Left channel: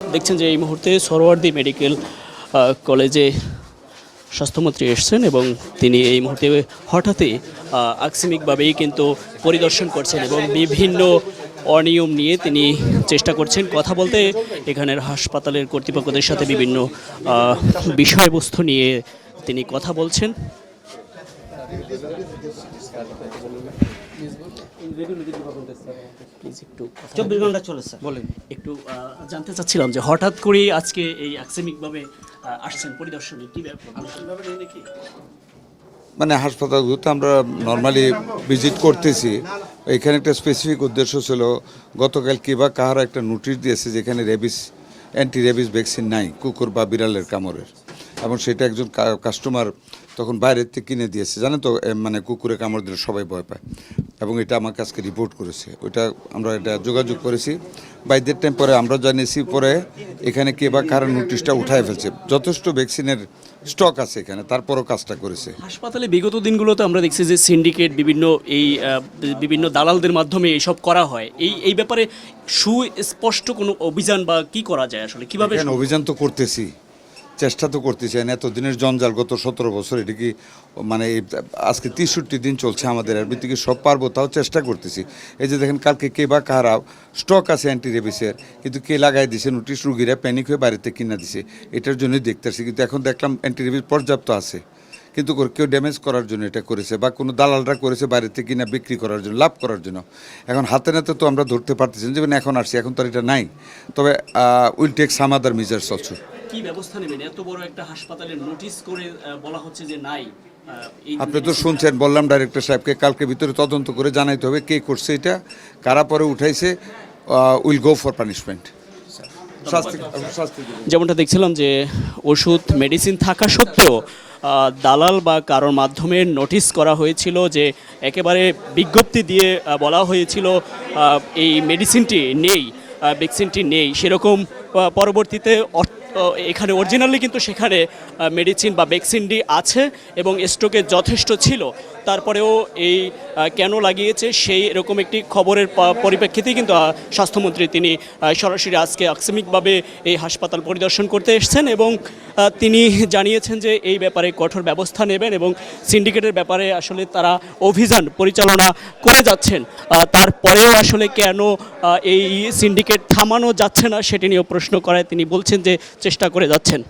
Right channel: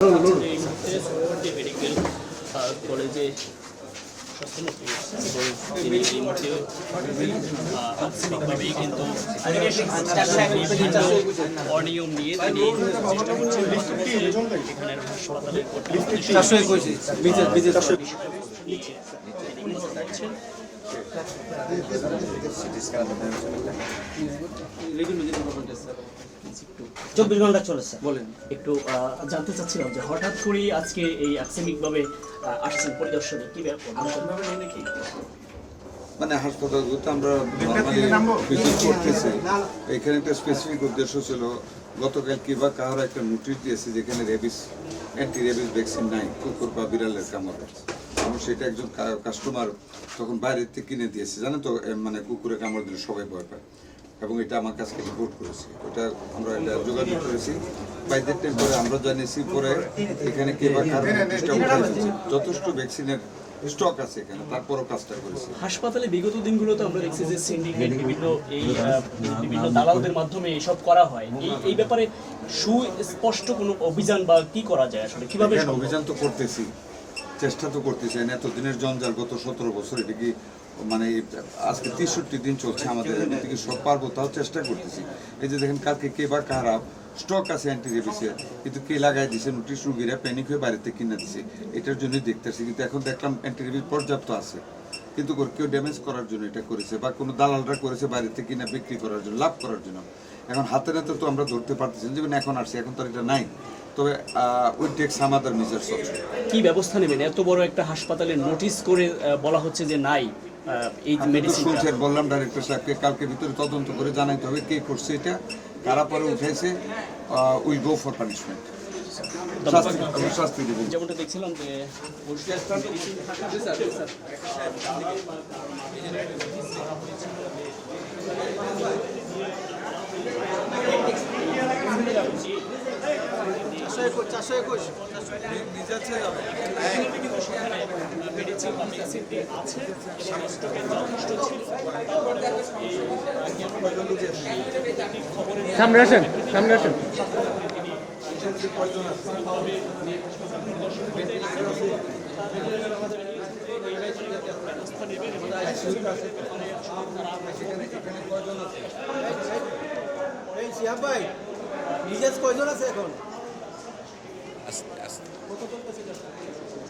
দেখছেন যে এই মুহূর্তে সরোয়ার্দী মেডিকেল কলেজে স্বাস্থ্যমন্ত্রী এসেছেন এবং তিনি এই মুহূর্তে হঠাৎই আকস্মিকভাবেই কিন্তু পরিদর্শন করছেন এবং বিভিন্ন অনিয়ম নিয়ে তিনি চেষ্টা করছেন কথা বলতে। এখানের হাসপাতালের কর্তৃপক্ষদের সাথে বিভিন্ন বিষয়বস্তু নিয়ে তিনি কথা বলছেন। একটু জানতে চাচ্ছিলাম যে হঠাৎ করে আজকে এই আকস্মিকভাবে আসছেন পরিদর্শনে, কি ব্যাপার? মানে হাসপাতালগুলোতে আমরা নর্মালি ভিজিট করতেছি। এখানে একটা স্পেসিফিক উদ্দেশ্য ছিল, গতকাল কি বা কাহার একটা নোটিশ দিয়েছে যেখানে অ্যান্টি রেবিস ভ্যাকসিন নাই কুকুর বা বিড়ালের কামড়ের, এবং সেটা একজন কাস্টমার তখন বাইরের থেকে কিনে দিয়েছে। জানেন তো, মানে কুকুরে কামড় দিলে সবাই ভয় পায়, এবং এটা আমার কাছকে রিপোর্ট করেছে। ওইটা আমরা এটা যোগাযোগ করেছি বাইদের টাইম, পরে আমরা জানিয়েছি। পরে এখানে কে বা কারণ নোটিশটা উঠায় ফেলছে। যথেষ্ট ভ্যাকসিনের স্টক আছে এখানে, তারপরও কাজটা করেছে। হাসপাতালে বিগত দিনগুলোতে আমরা দেখছি যে সিন্ডিকেট বিভিন্ন দালালদের মাধ্যমে এইসব করা হয়। এই ব্যাপারে সুস্পষ্ট কোনো অভিযান বা কি করা যায় আসলে, কিভাবে? অভিযান তো করতেছি, চেষ্টা তো করতেছি। এতদিনের জঞ্জাল, গত 17 বছর, এটা কি মানে আজকে 63 দিন চলছে আমাদের, এর ভিত্তিকে সব পারবো, তাও চেষ্টা করতেছি। এই যে দেখেন, কালকে কে বা কারা স্টক আছে অ্যান্টি রেবিসের, কিন্তু কে লাগাই দিছে নোটিশ, রুগীরা প্যানিক হয়ে বাড়িতে কিনা দিছে। এটার জন্যই দেখতেছি। কিন্তু এখন দেখলাম অ্যান্টি রেবিস পর্যাপ্ত আছে, কিন্তু কেউ ড্যামেজ করার জন্য এটা করেছে, বা কোনো দালালরা করেছে বাইরেতে কিনা বিক্রি করার জন্য, লাভ করার জন্য। এখন হাতে নাতে তো আমরা ধরতে পারতেছি, যেমন এখন আসছি, এখন তো এটা নাই। তবে will take some other measures also. কি ব্যবস্থা নেবেন? এত বড় একটা হাসপাতালে নোটিশ করে বলা হচ্ছে যে নাই। আপনি তো শুনছেন, বললাম ডাইরেক্টর সাহেবকে কালকে ভিতরে তদন্ত করে জানাইতে হবে কে করছে এটা, কারা পরে উঠাইছে। Will go for punishment. যেমনটা দেখছিলাম যে ওষুধ মেডিসিন থাকা সত্ত্বেও দালাল বা কারোর মাধ্যমে নোটিশ করা হয়েছিল, যে একেবারে বিজ্ঞপ্তি দিয়ে বলা হয়েছিল এই মেডিসিনটি নেই, ভ্যাকসিনটি নেই। সেরকম পরবর্তীতে এখানে অরিজিনালি কিন্তু সেখানে মেডিসিন বা ভ্যাকসিনটি আছে এবং স্টকে যথেষ্ট ছিল। তারপরেও এই কেন লাগিয়েছে সেই এরকম একটি খবরের পরিপ্রেক্ষিতেই কিন্তু স্বাস্থ্যমন্ত্রী তিনি সরাসরি আজকে আকস্মিকভাবে এই হাসপাতাল পরিদর্শন করতে এসেছেন এবং তিনি জানিয়েছেন যে এই ব্যাপারে কঠোর ব্যবস্থা নেবেন এবং সিন্ডিকেটের ব্যাপারে আসলে তারা অভিযান পরিচালনা করে যাচ্ছেন। তারপরেও আসলে কেন এই সিন্ডিকেট থামানো যাচ্ছে না সেটি নিয়েও প্রশ্ন করায় তিনি বলছেন যে চেষ্টা করে যাচ্ছেন।